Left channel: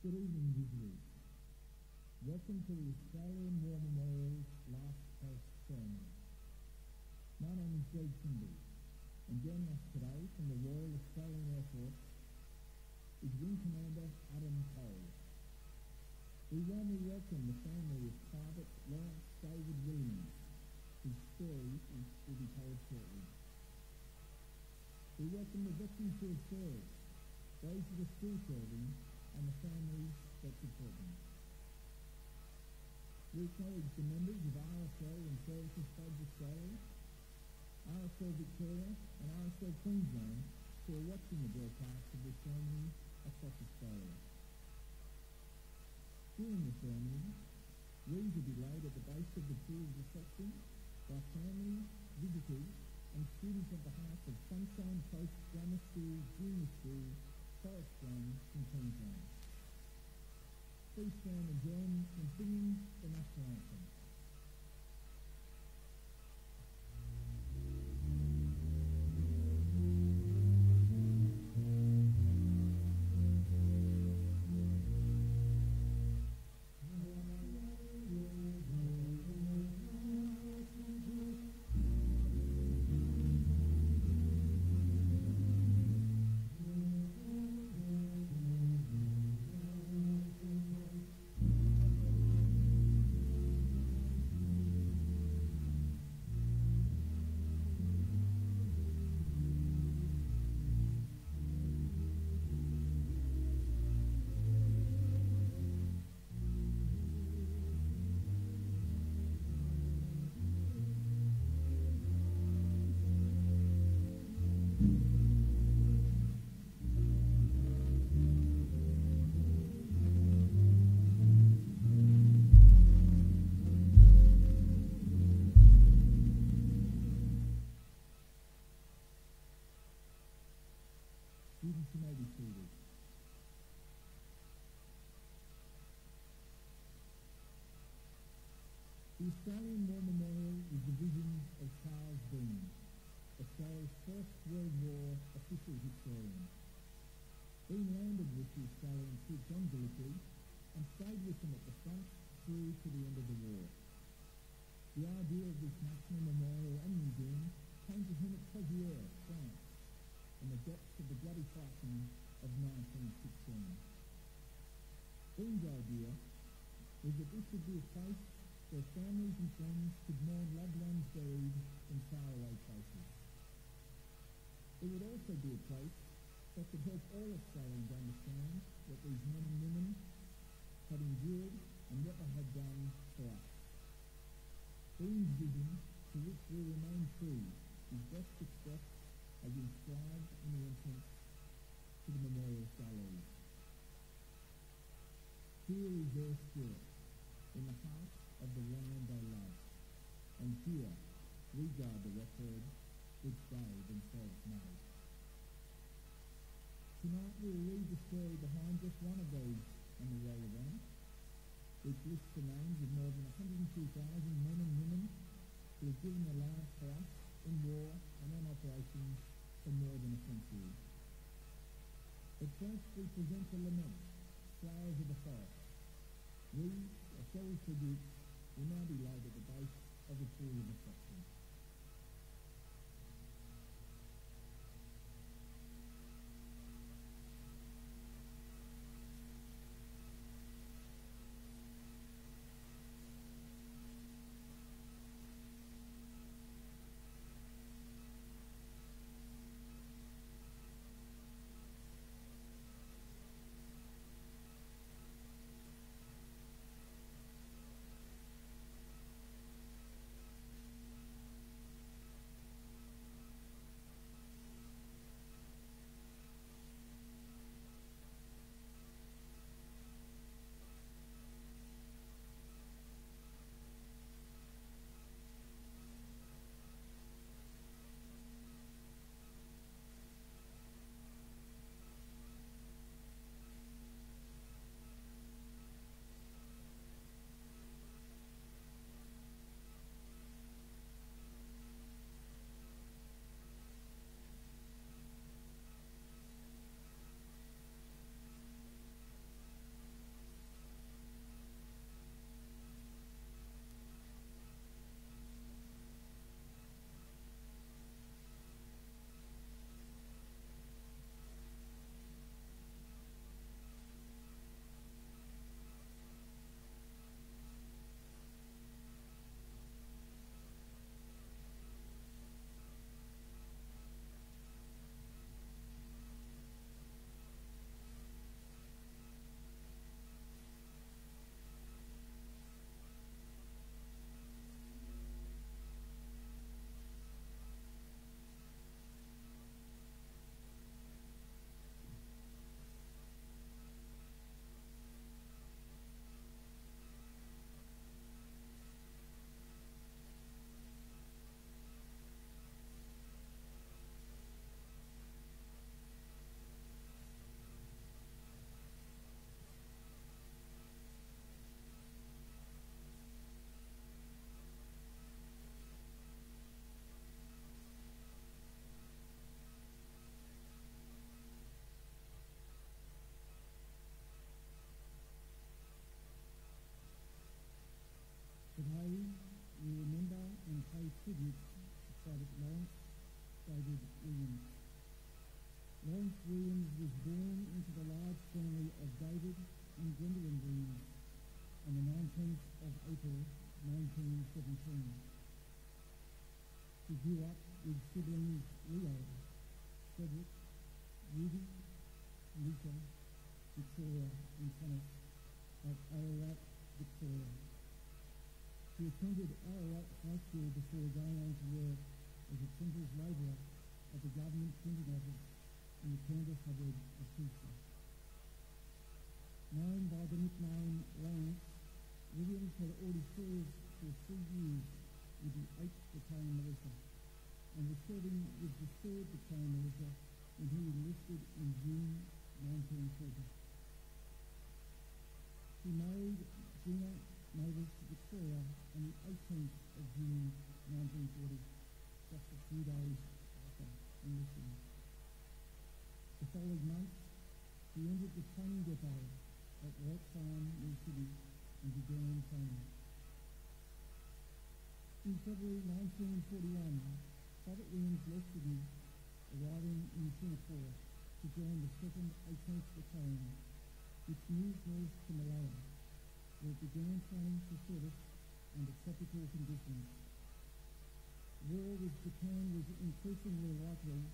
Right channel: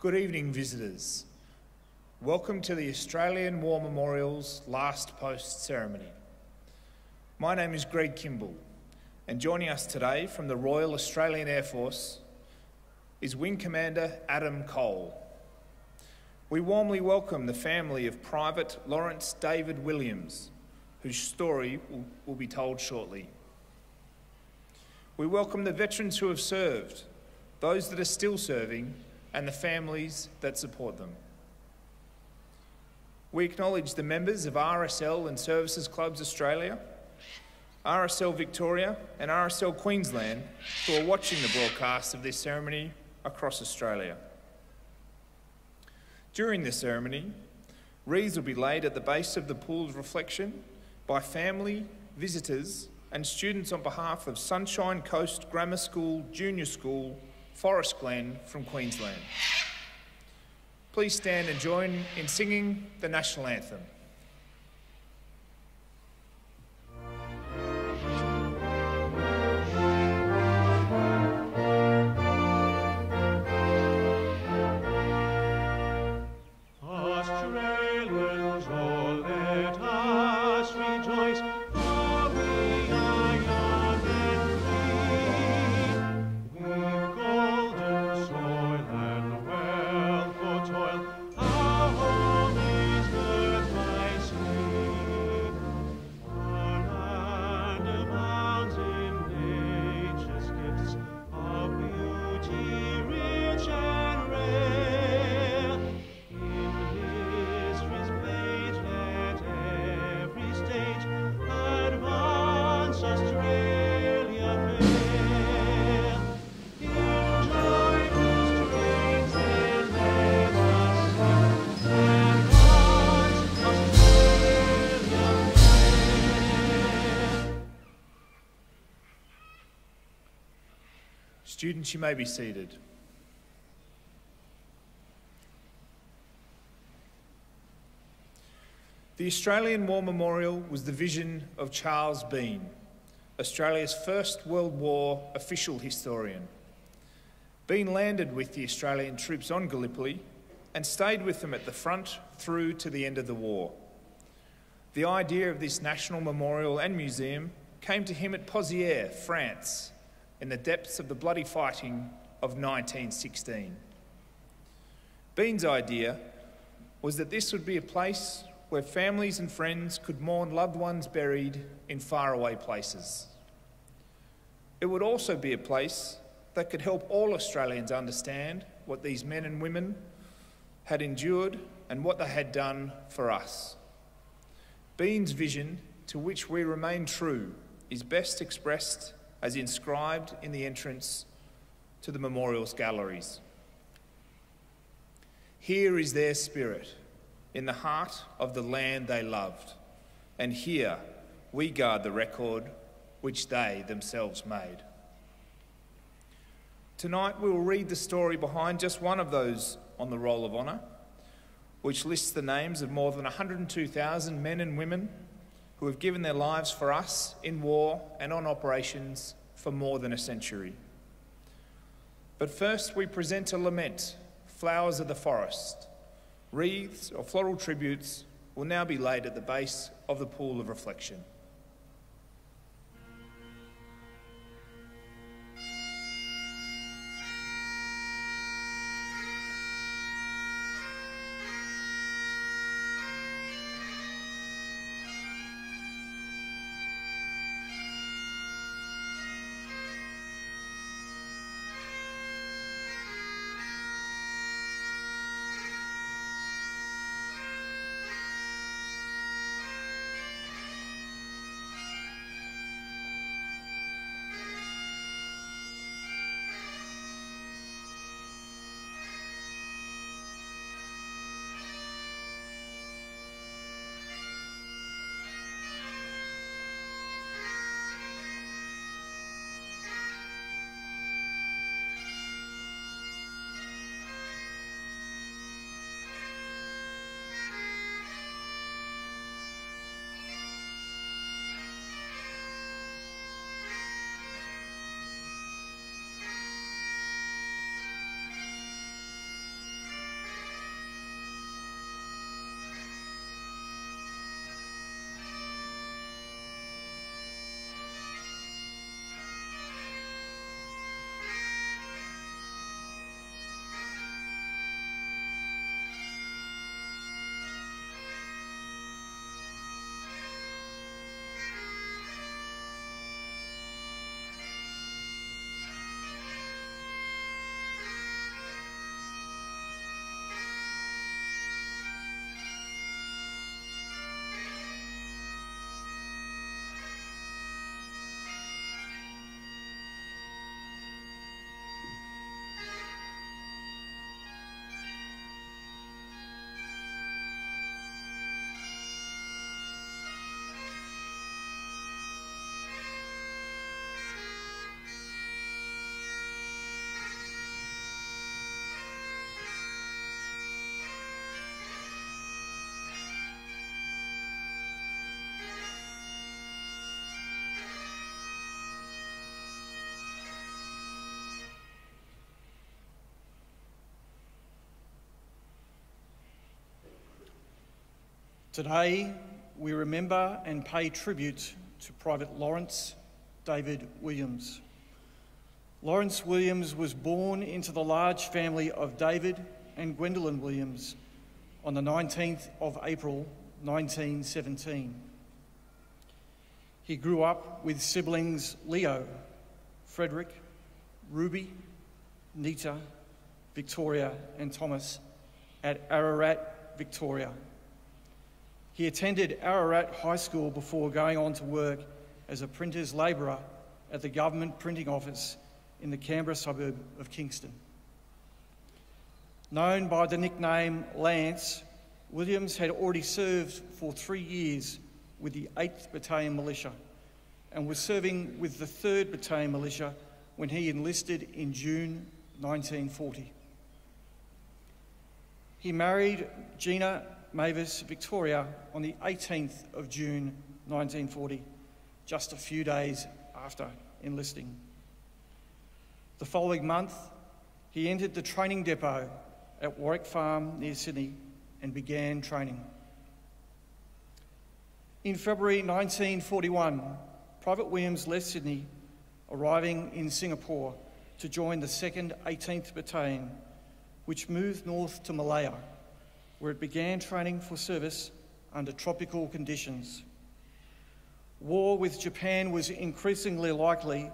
Good evening, visitors. Welcome to the Australian War Memorial's last post ceremony. My name is Greg Kimball, and joining us today from the Royal Australian Air Force is Wing Commander Adam Cole. We warmly welcome the family of Private Laurence David Williams, whose story will be told shortly. We welcome the veterans who have served, those that are still serving, and the families that support them. We acknowledge the members of RSL and Services Clubs Australia, RSL Victoria and RSL Queensland who are watching the broadcast of this ceremony across Australia. During this ceremony, wreaths will be laid at the base of the pool of reflection by family, visitors and students on behalf of Sunshine Coast Grammar School Junior School, Forest Glen from Queensland. Please stand and join in singing the National Anthem. Students, you may be seated. The Australian War Memorial was the vision of Charles Bean, Australia's first World War official historian. Bean landed with the Australian troops on Gallipoli and stayed with them at the front through to the end of the war. The idea of this national memorial and museum came to him at Pozières, France, in the depths of the bloody fighting of 1916. Bean's idea was that this would be a place where families and friends could mourn loved ones buried in faraway places. It would also be a place that could help all Australians understand what these men and women had endured and what they had done for us. Bean's vision, to which we remain true, is best expressed as inscribed in the entrance to the memorial's galleries. Here is their spirit, in the heart of the land they loved, and here we guard the record which they themselves made. Tonight we will read the story behind just one of those on the Roll of Honour, which lists the names of more than 102,000 men and women who have given their lives for us in war and on operations for more than a century. But first we present a lament, Flowers of the Forest. Wreaths or floral tributes will now be laid at the base of the pool of reflection. Today, we remember and pay tribute to Private Laurence David Williams. Laurence Williams was born into the large family of David and Gwendolyn Williams on the 19th of April 1917. He grew up with siblings Leo, Frederick, Ruby, Nita, Victoria and Thomas at Ararat, Victoria. He attended Ararat High School before going on to work as a printer's labourer at the government printing office in the Canberra suburb of Kingston. Known by the nickname Lance, Williams had already served for 3 years with the 8th Battalion Militia and was serving with the 3rd Battalion Militia when he enlisted in June 1940. He married Gina Mavis Victoria on the 18th of June 1940, just a few days after enlisting. The following month, he entered the training depot at Warwick Farm near Sydney and began training. In February 1941, Private Williams left Sydney, arriving in Singapore to join the 2nd 18th Battalion, which moved north to Malaya, where it began training for service under tropical conditions. War with Japan was increasingly likely,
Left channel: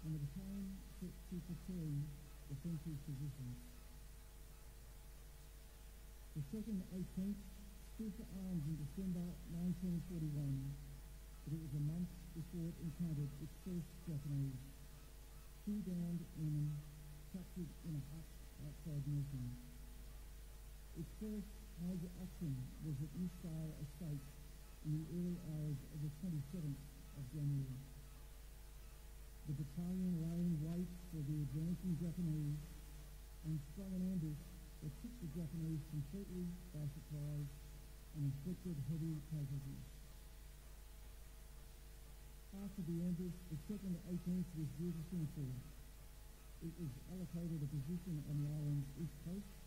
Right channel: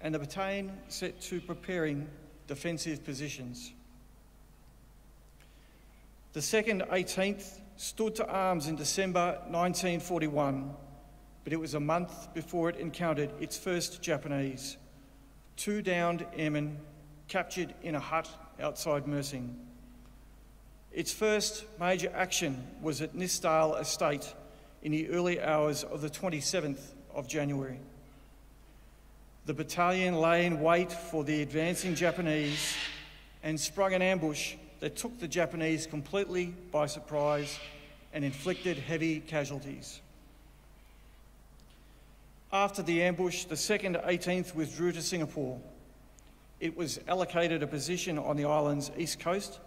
and the battalion set to preparing defensive positions. The 2nd 18th stood to arms in December 1941, but it was a month before it encountered its first Japanese, 2 downed airmen captured in a hut outside Mersing. Its first major action was at Nithsdale Estate in the early hours of the 27th of January. The battalion lay in wait for the advancing Japanese and sprung an ambush that took the Japanese completely by surprise and inflicted heavy casualties. After the ambush, the 2nd 18th withdrew to Singapore. It was allocated a position on the island's east coast,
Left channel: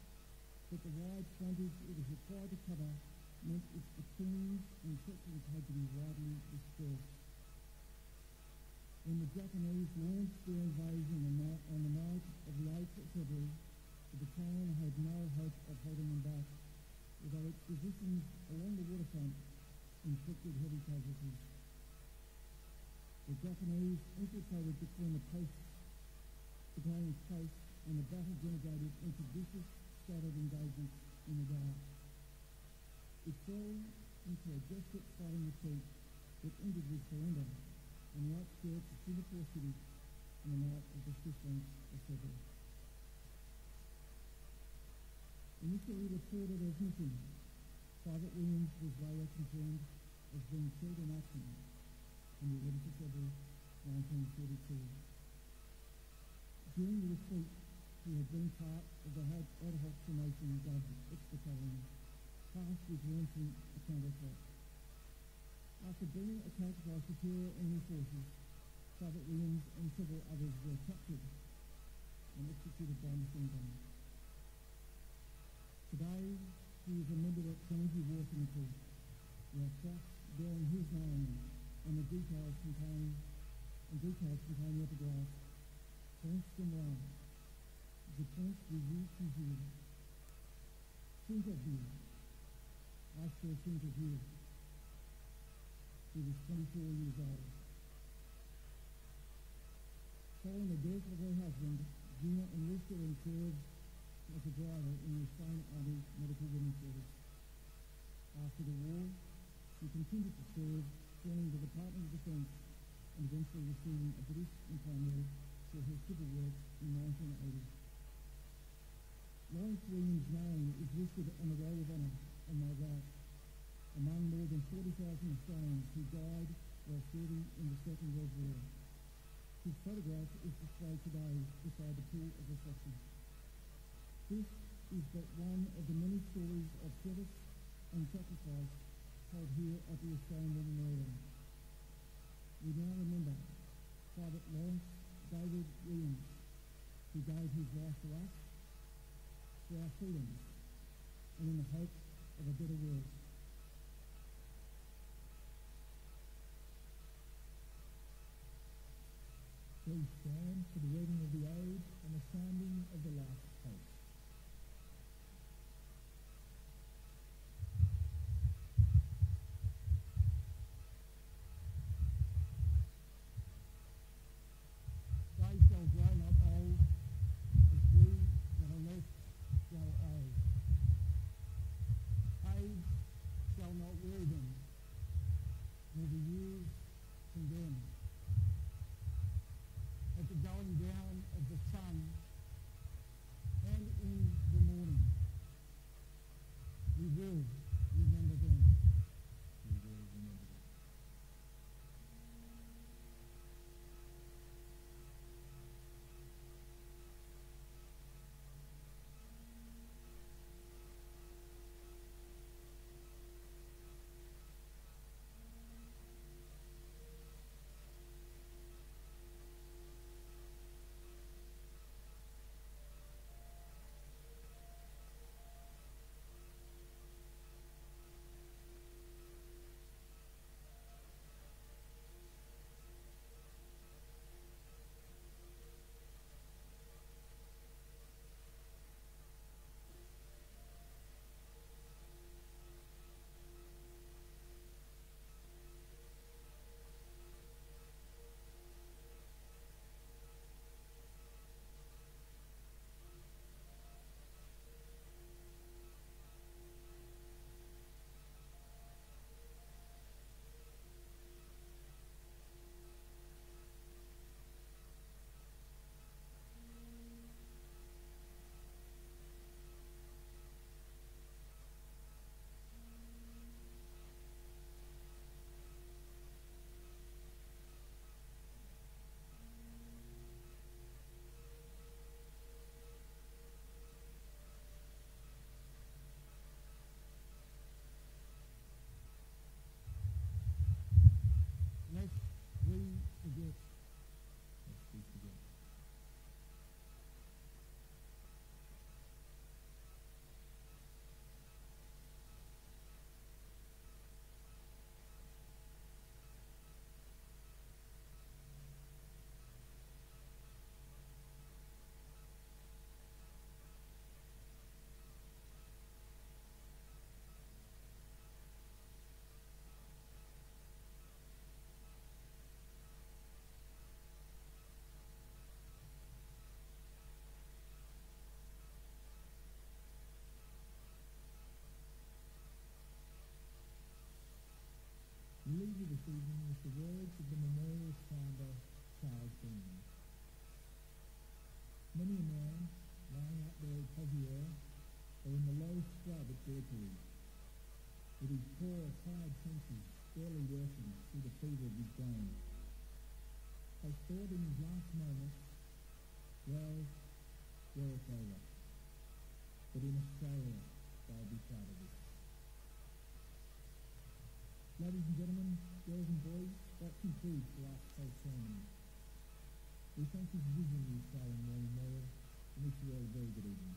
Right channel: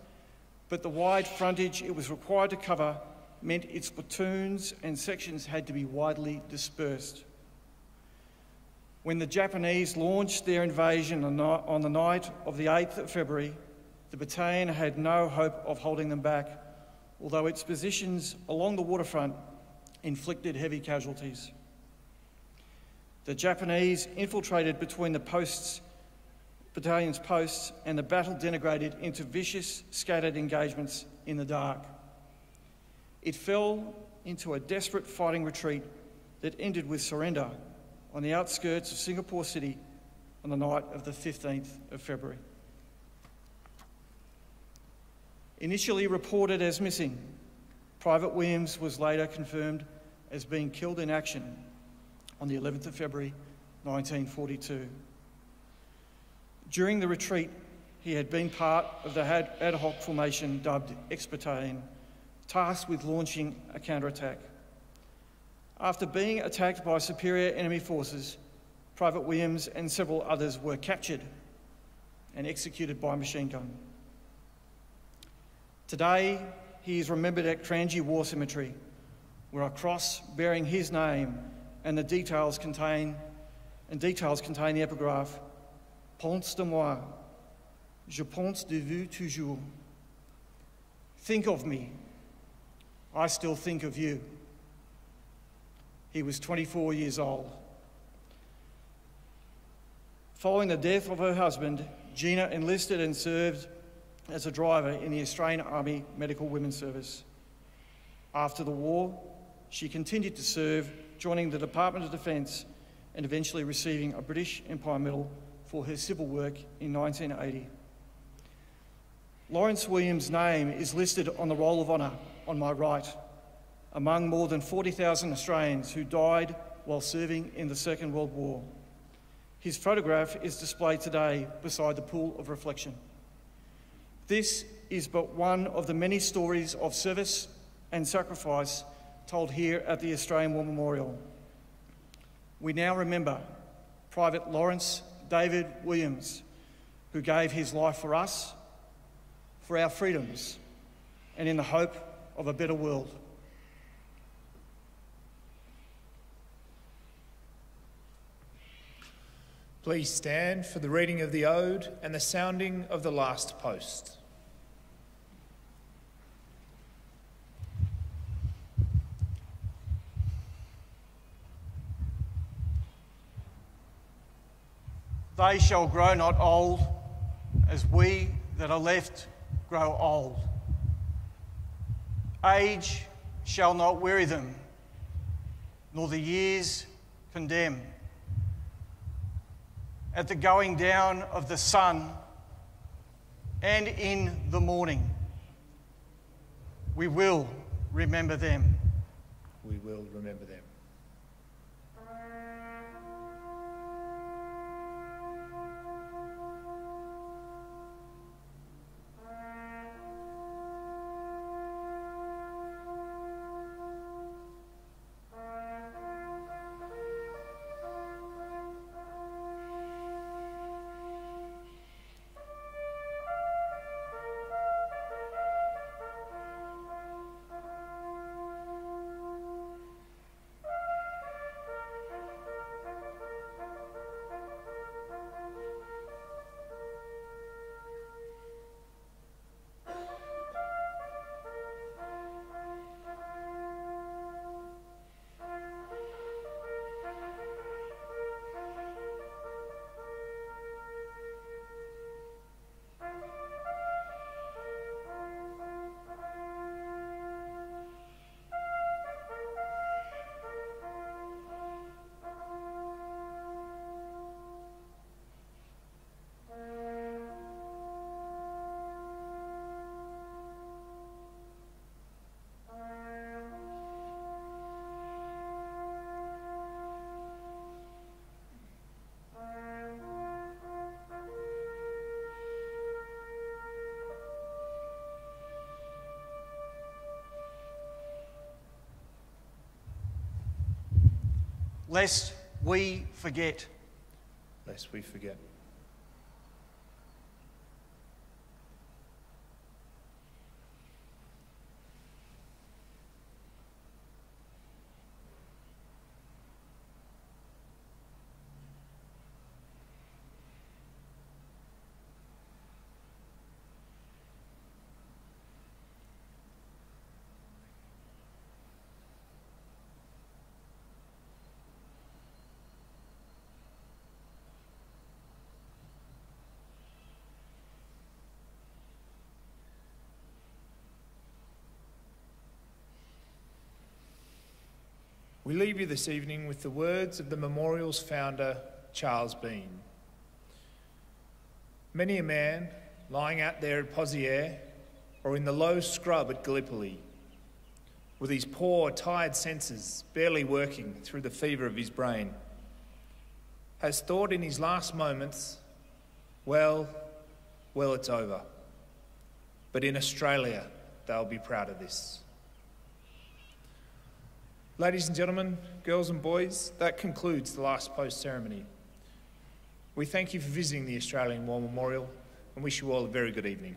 but the wide frontage it was required to cover meant its platoons and sections had to be widely dispersed. When the Japanese launched their invasion on the night of the 8th of February, the battalion had no hope of holding them back, although its positions along the waterfront inflicted heavy casualties. The Japanese infiltrated between the battalion's posts, and the battle degenerated into vicious, scattered engagements in the dark. It fell into a desperate fighting retreat that ended with surrender on the outskirts of Singapore City on the night of the 15th of February. Initially reported as missing, Private Williams was later confirmed as being killed in action on the 11th of February 1942. During the retreat, he had been part of the ad hoc formation dubbed X-Battalion, tasked with launching a counterattack. After being attacked by superior enemy forces, Private Williams and several others were captured and executed by machine gun. Today, he is remembered at Kranji War Cemetery, where a cross bearing his name and the details contain the epigraph, Pense de moi, je pense de vous toujours. Think of me, I still think of you. He was 24 years old. Following the death of her husband, Gina enlisted and served as a driver in the Australian Army Medical Women's Service. After the war, she continued to serve, joining the Department of Defence and eventually receiving a British Empire Medal for her civil work in 1980. Laurence Williams' name is listed on the Roll of Honour on my right, among more than 40,000 Australians who died while serving in the Second World War. His photograph is displayed today beside the pool of reflection. This is but one of the many stories of service and sacrifice told here at the Australian War Memorial. We now remember Private Laurence David Williams, who gave his life for us, for our freedoms, and in the hope of a better world. Please stand for the reading of the Ode and the sounding of the last post. They shall grow not old, as we that are left grow old. Age shall not weary them, nor the years condemn. At the going down of the sun and in the morning, we will remember them. We will remember them. Lest we forget. Lest we forget. We leave you this evening with the words of the memorial's founder, Charles Bean. Many a man lying out there at Pozières or in the low scrub at Gallipoli, with his poor, tired senses barely working through the fever of his brain, has thought in his last moments, well, it's over. But in Australia, they'll be proud of this. Ladies and gentlemen, girls and boys, that concludes the last post ceremony. We thank you for visiting the Australian War Memorial and wish you all a very good evening.